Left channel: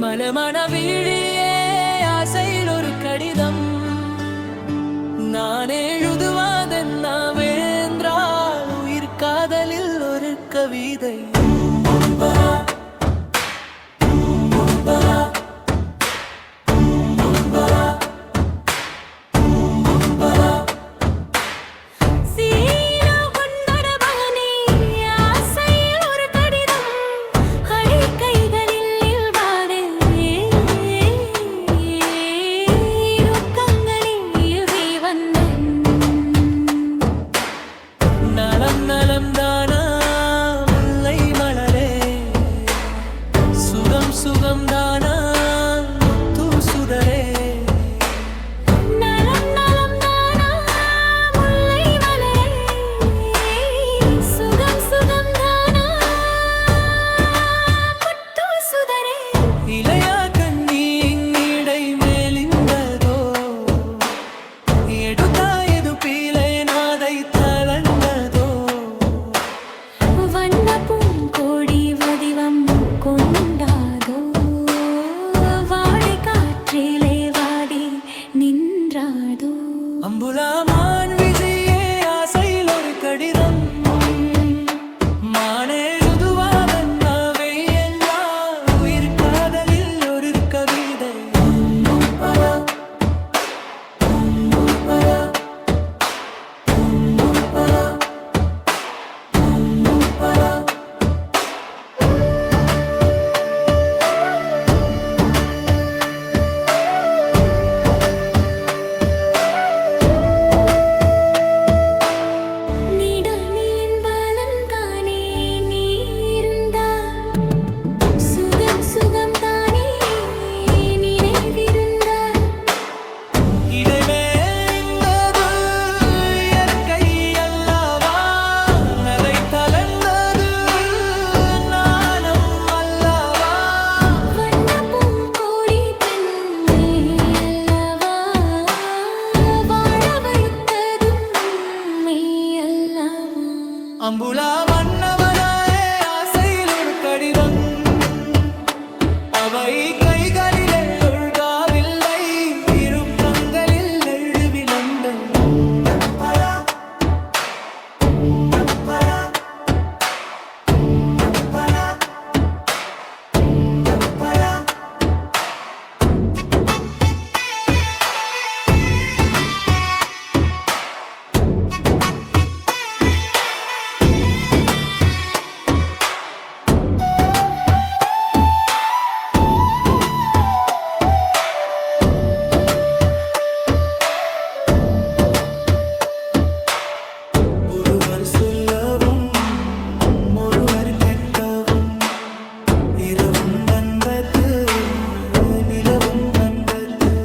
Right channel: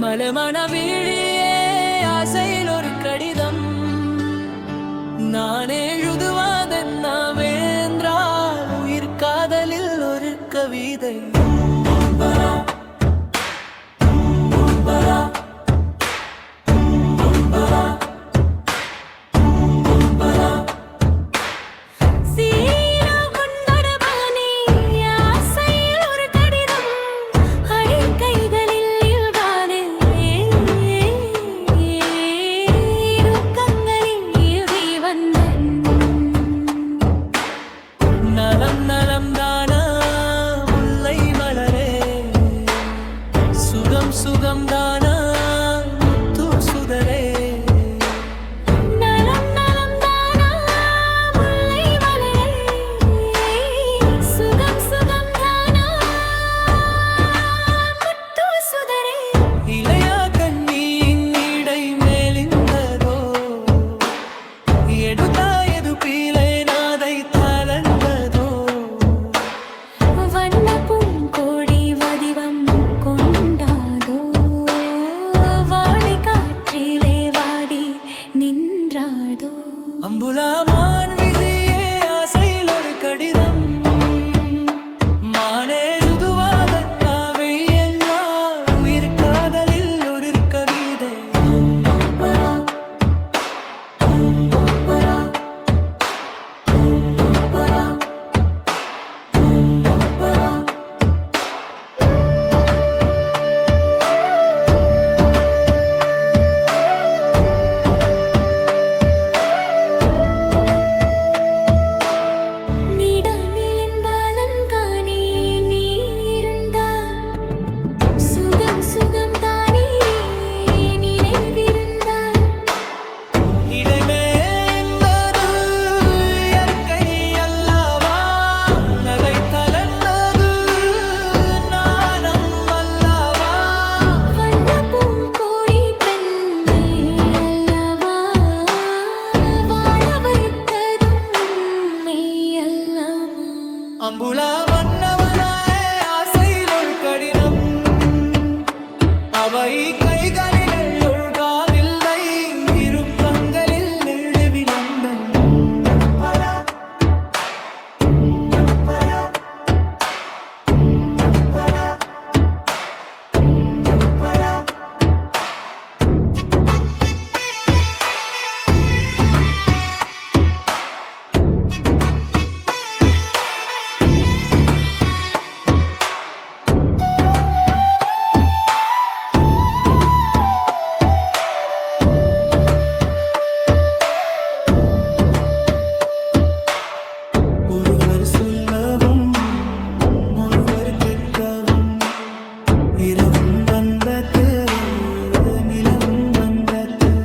மலமன விழியே ஆசையில் ஒரு கடிதம் நான் எழுதுவதென்னவென்றால் உயிர் காதலில் ஒரு கவிதை. நலம் நலம் தானா முல்லை மலரே, சுகம் சுகம் தானா முத்து சுதரே. நலம் நலம் தானா முல்லை மலரே, சுகம் சுகம் தானா முத்து சுதரே. இளையா கண்ணியின் இடை மேலிந்ததோ எடுத்தாயது பீலை நாதை தளர்ந்ததோ. வண்ண பூங்கோடி வடிவம் கொண்டாதோ, வாடை காற்றிலே வாடி நின்றாதோ. அம்புலாமான் விஜயே ஆசையில் ஒரு கடிதம் மானே சுதுவாதன்னாவை எல்லா உயிர் காதலில் ஒரு கவிதை. இடைமேந்தது இயற்கை அல்லவா, நகை தளர்ந்தது நாணம் அல்லவா. வண்ண பூங்கோடி பெண்ணே அல்லவா, வாழ வைத்ததும் மெய் அல்லவா. அம்புலா மன்னவனாயே ஆசையில் ஒரு கடிதம் அவை கைகளில் ஒழுகாவில்லை, இருப்பங்களில் எழுதி விளந்தன். ஒருவர் சொல்லவும் ஒருவர் கேட்கவும் இரவும் வந்தது நிலவும் வந்தது.